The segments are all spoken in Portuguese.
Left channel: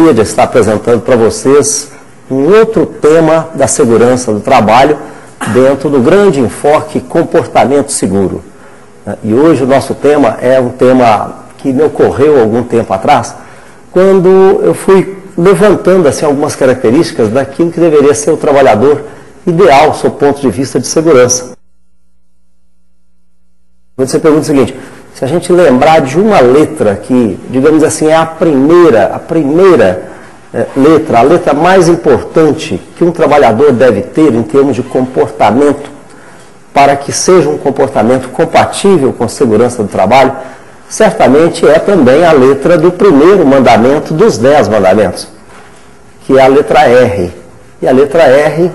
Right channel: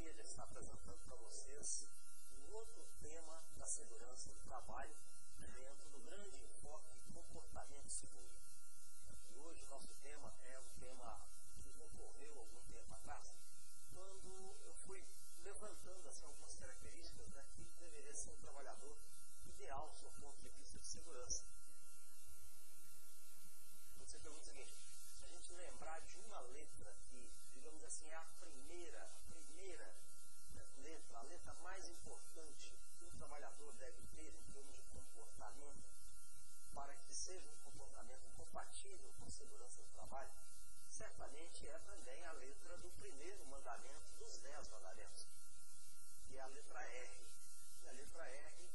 alegria de estar apresentando para vocês um outro tema da segurança do trabalho dentro do grande enfoque comportamento seguro. E hoje o nosso tema é um tema que me ocorreu algum tempo atrás, quando eu fui levantando assim, algumas características daquilo que deveria ser o trabalhador ideal, sob o ponto de vista de segurança. Você pergunta o seguinte: se a gente lembrar de uma letra que, digamos assim, é a primeira letra, a letra mais importante que um trabalhador deve ter em termos de comportamento, para que seja um comportamento compatível com a segurança do trabalho, certamente é também a letra do primeiro mandamento dos 10 mandamentos, que é a letra R. E a letra R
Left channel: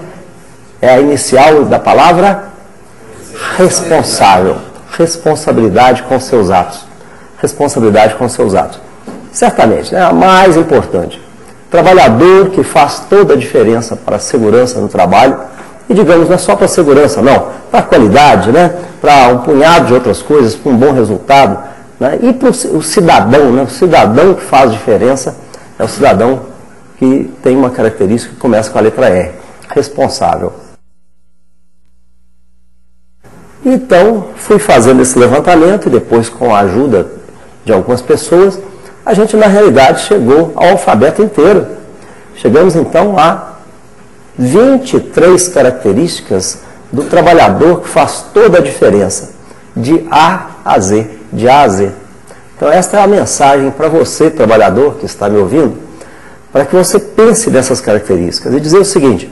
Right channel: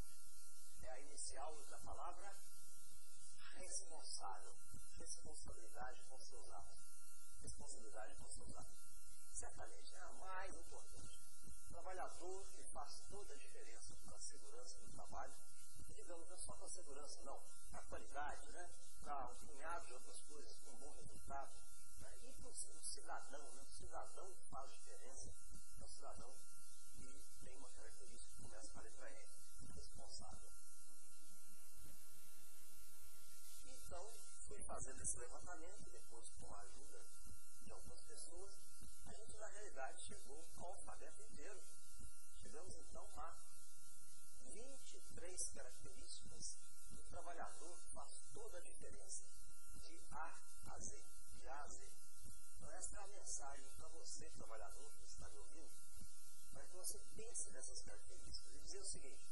é a inicial da palavra responsável. Responsabilidade com seus atos. Responsabilidade com seus atos. Certamente, né, a mais importante. Trabalhador que faz toda a diferença para a segurança no trabalho, e digamos, não é só para a segurança, não, para a qualidade, né, para um punhado de outras coisas, para um bom resultado, né, e para o cidadão, né, o cidadão que faz diferença é o cidadão que tem uma característica que começa com a letra R, responsável. Então, fui fazendo esse levantamento e depois, com a ajuda de algumas pessoas, a gente, na realidade, chegou ao alfabeto inteiro. Chegamos, então, a 23 características do trabalhador que faz toda a diferença, de A a Z, de A a Z. Então, esta é a mensagem para você, trabalhador, que está me ouvindo, para que você pense nessas características e dizer o seguinte:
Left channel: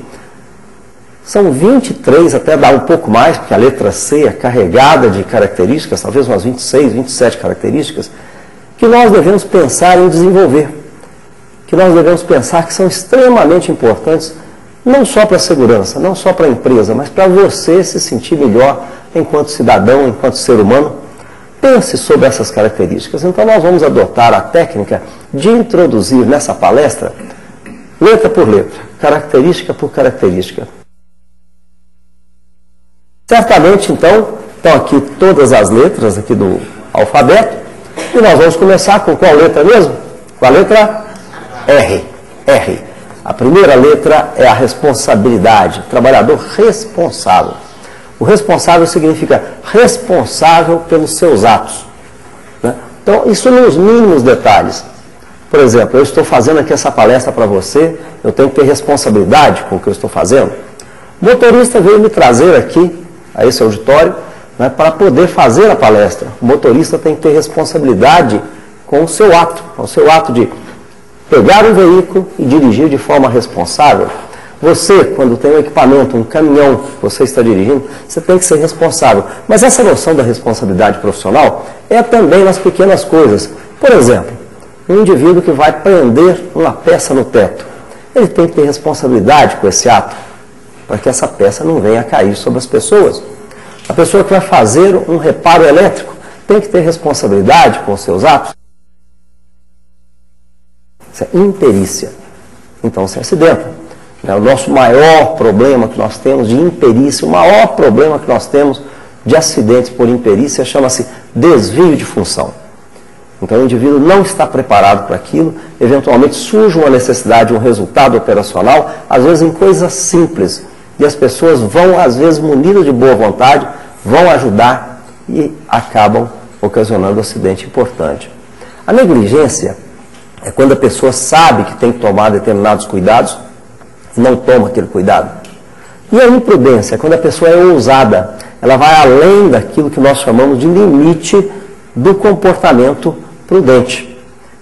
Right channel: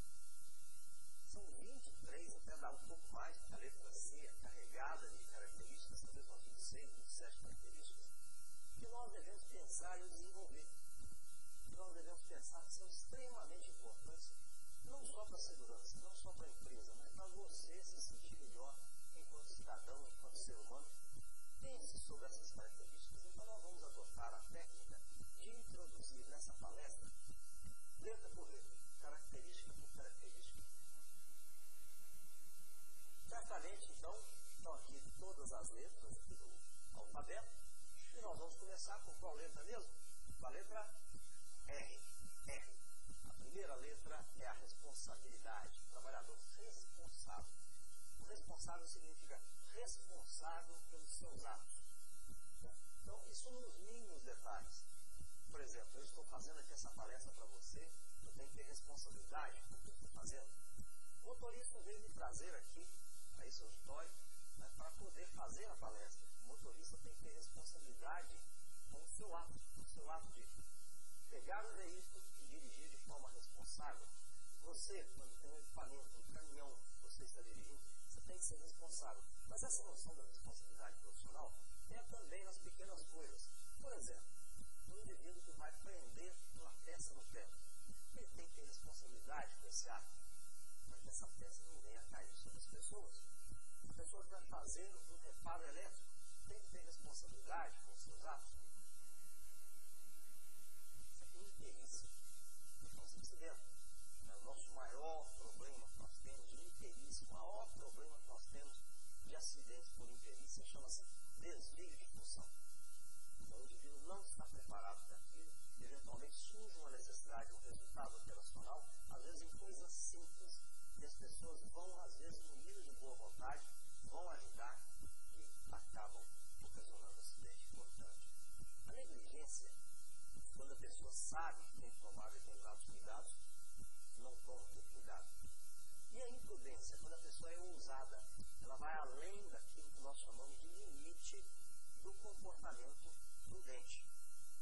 são 23, até dar um pouco mais, porque a letra C é carregada de características, talvez umas 26, 27 características, que nós devemos pensar em desenvolver, que nós devemos pensar que são extremamente importantes, não só para a segurança, não só para a empresa, mas para você se sentir melhor enquanto cidadão, enquanto ser humano. Pense sobre essas características. Então nós vamos adotar a técnica de introduzir nessa palestra, letra por letra, característica por característica. Certamente, então, estão aqui todas as letras aqui do alfabeto, e nós vamos começar com qual letra mesmo? Com a letra R. R. A primeira letra é a responsabilidade, trabalhador responsável. O responsável significa responsável pelos seus atos, né? Então, isso nos mínimos detalhes. Por exemplo, eu estou fazendo aqui essa palestra para você, eu tenho que ter responsabilidade com o que eu estou fazendo. O motorista veio me trazer aqui a esse auditório, né, para poder fazer a palestra. O motorista tem que ter responsabilidade com o seu ato de pegar um veículo e dirigir de forma responsável. Você, quando tem um equipamento, um caminhão que você está dirigindo, você tem que ser responsável. Mas essa noção da responsabilidade profissional é também nas pequenas coisas. Por exemplo, um indivíduo que vai prender uma peça no teto, ele tem que ter responsabilidade com esse ato, para que essa peça não venha a cair sobre as pessoas. A pessoa que vai fazer um reparo elétrico tem que ter responsabilidade com os seus atos. Isso é imperícia. Então se acidenta. O nosso maior problema que nós temos de imperícia, o maior problema que nós temos de acidentes por imperícia chama-se desvio de função. Então o indivíduo não está preparado para aquilo, eventualmente surge uma necessidade, um resultado operacional, às vezes em coisas simples. E as pessoas vão, às vezes, munidas de boa vontade, vão ajudar e acabam ocasionando um acidente importante. A negligência é quando a pessoa sabe que tem que tomar determinados cuidados e não toma aquele cuidado. E a imprudência é quando a pessoa é ousada, ela vai além daquilo que nós chamamos de limite do comportamento prudente.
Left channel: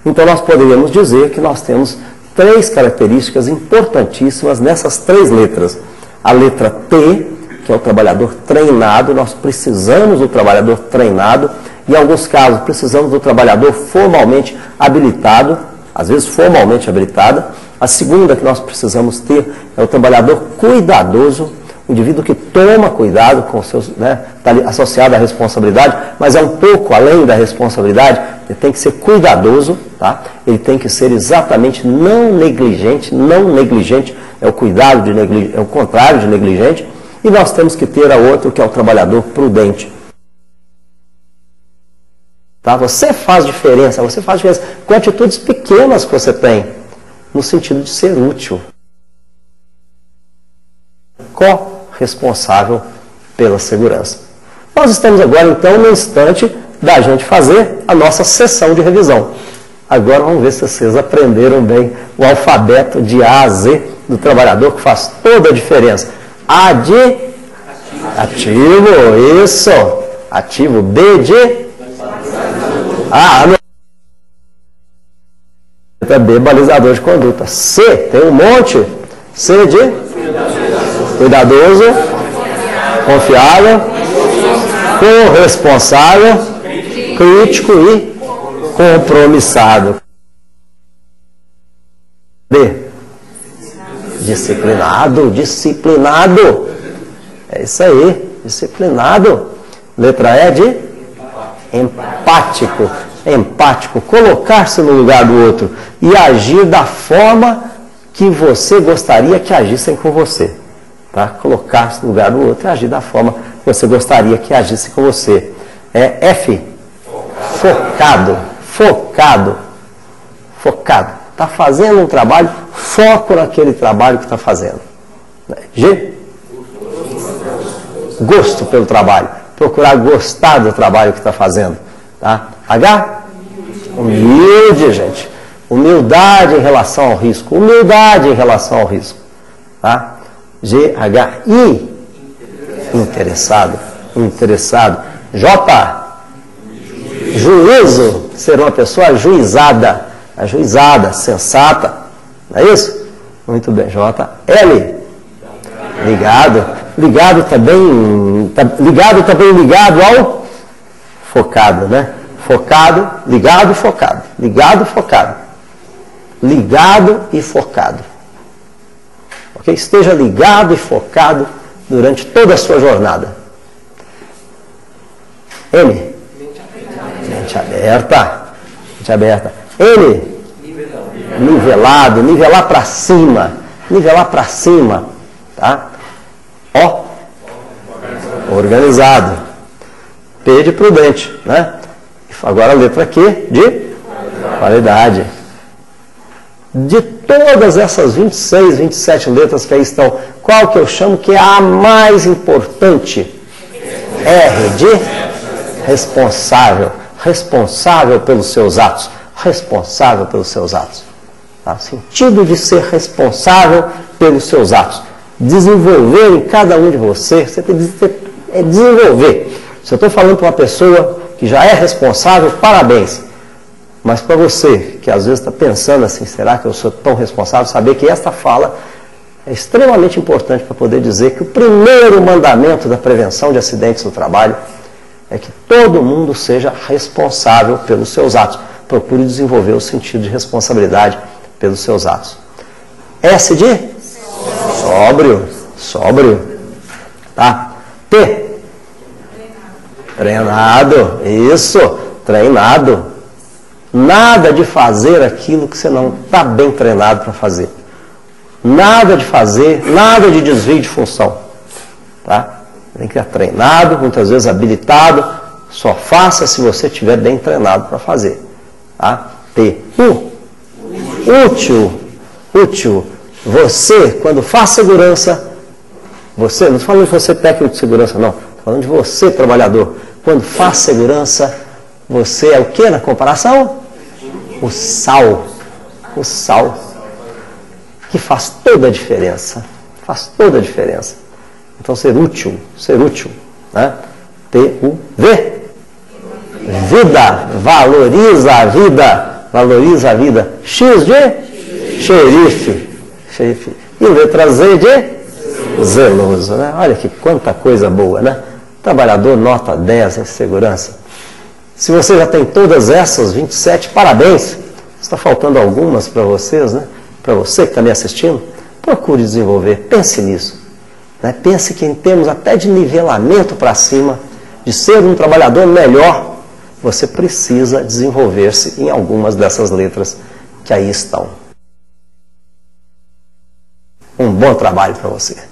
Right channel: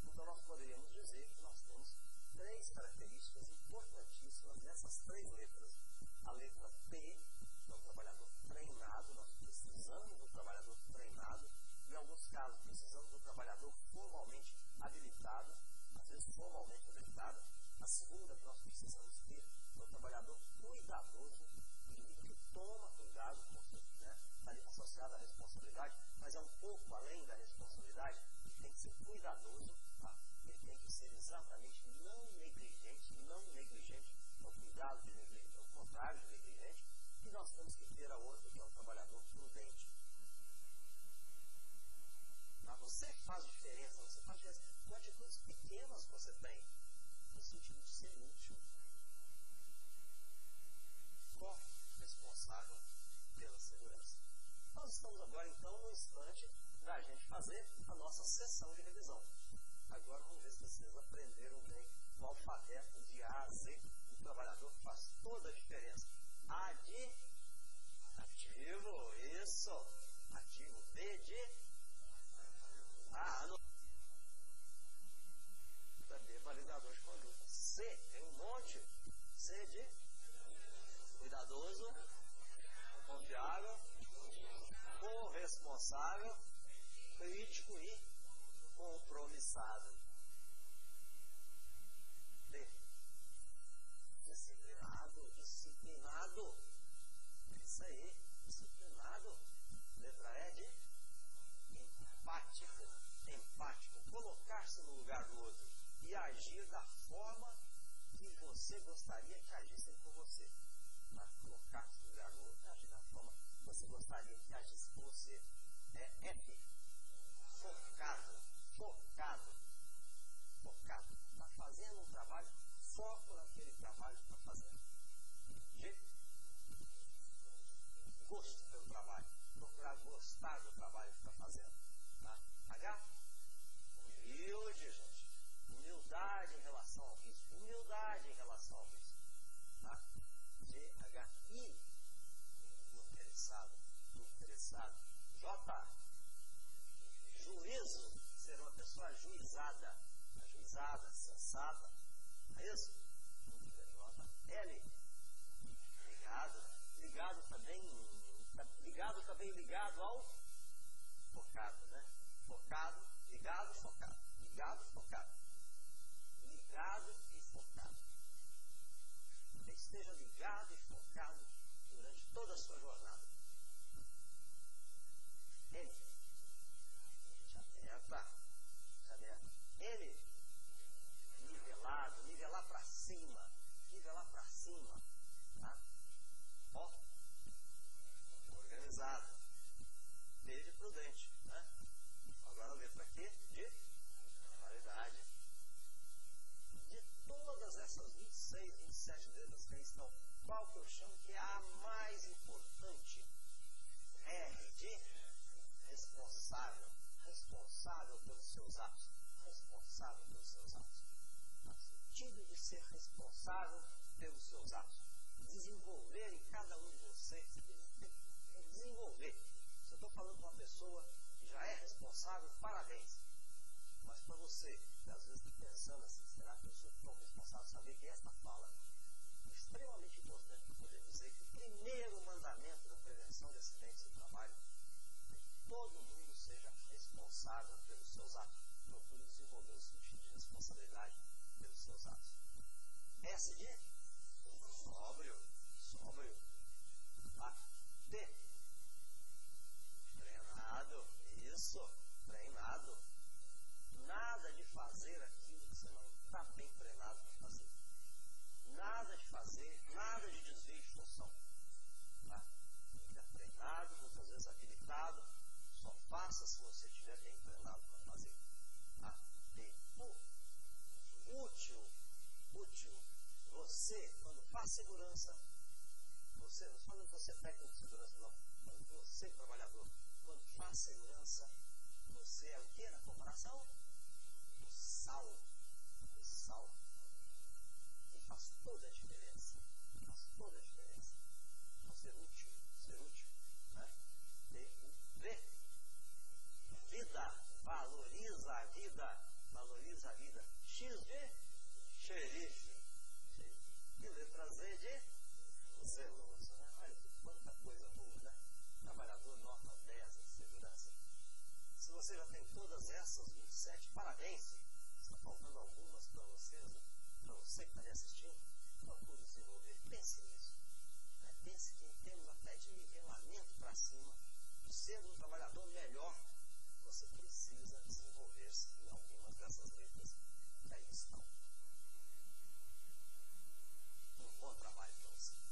Então nós poderíamos dizer que nós temos 3 características importantíssimas nessas 3 letras. A letra T, que é o trabalhador treinado, nós precisamos do trabalhador treinado, e em alguns casos precisamos do trabalhador formalmente habilitado, às vezes formalmente habilitado. A segunda que nós precisamos ter é o trabalhador cuidadoso, o indivíduo que toma cuidado com os seus, né, está associado à responsabilidade, mas é um pouco além da responsabilidade, ele tem que ser cuidadoso, tá? Ele tem que ser exatamente não negligente é o cuidado de negligente, é o contrário de negligente, e nós temos que ter a outro que é o trabalhador prudente. Tá? Você faz diferença com atitudes pequenas que você tem. no sentido de ser útil. Corresponsável pela segurança. Nós estamos agora, então, no instante da gente fazer a nossa sessão de revisão. Agora vamos ver se vocês aprenderam bem o alfabeto de A a Z do trabalhador, que faz toda a diferença. A de ativo, isso. Ativo. B de B, balizador de conduta. C, tem um monte. C de cuidadoso, confiável, corresponsável, crítico e compromissado. D, disciplinado, disciplinado. É isso aí, disciplinado. Letra E de empático. Empático, colocar-se no lugar do outro e agir da forma que você gostaria que agissem com você. Tá? Colocar-se no lugar do outro e agir da forma que você gostaria que agissem com você. F, focado, focado, focado. Está fazendo um trabalho, foco naquele trabalho que está fazendo. G, gosto pelo trabalho, procurar gostar do trabalho que está fazendo. Tá? H, humilde, gente. Humildade em relação ao risco. Humildade em relação ao risco. Tá? G, H, I, interessado. Interessado. J, juízo. Ser uma pessoa ajuizada. Ajuizada, sensata. Não é isso? Muito bem. J, L, ligado. Ligado também, ligado ao focado, né? Focado, ligado e focado. Ligado, focado. Ligado e focado. Ok? Esteja ligado e focado durante toda a sua jornada. M. Mente aberta. Mente aberta. N. Nivelado. Nivelar para cima. Nivelar para cima. Tá? O. Organizado. P de prudente, né? Agora a letra Q de qualidade. De todas essas 26, 27 letras que aí estão, qual que eu chamo que é a mais importante? R de responsável. Responsável pelos seus atos. Responsável pelos seus atos. Tá? Sentido de ser responsável pelos seus atos. Desenvolver em cada um de vocês, você tem que desenvolver. Se eu estou falando para uma pessoa que já é responsável, parabéns. Mas para você, que às vezes está pensando assim, será que eu sou tão responsável? Saber que esta fala é extremamente importante para poder dizer que o primeiro mandamento da prevenção de acidentes no trabalho é que todo mundo seja responsável pelos seus atos. Procure desenvolver o sentido de responsabilidade pelos seus atos. S de sóbrio. Sóbrio. Tá? T. Treinado. Isso. Treinado. Nada de fazer aquilo que você não está bem treinado para fazer. Nada de fazer, nada de desvio de função. Tá? Tem que estar treinado, muitas vezes habilitado. Só faça se você estiver bem treinado para fazer. Tá? T. Útil. Útil. Você, quando faz segurança, você, não estou falando de você técnico de segurança, não. Estou falando de você, trabalhador. Quando faz segurança, você é o que na comparação? O sal. O sal. Que faz toda a diferença. Faz toda a diferença. Então, ser útil. Ser útil. Né? T-U-V. Vida. Valoriza a vida. Valoriza a vida. X de xerife. Xerife. E letra Z de zeloso. Né? Olha que quanta coisa boa, né? Trabalhador nota 10 em segurança. Se você já tem todas essas 27, parabéns. Está faltando algumas para vocês, né? Para você que está me assistindo, procure desenvolver. Pense nisso. Né? Pense que em termos até de nivelamento para cima, de ser um trabalhador melhor, você precisa desenvolver-se em algumas dessas letras que aí estão. Um bom trabalho para você.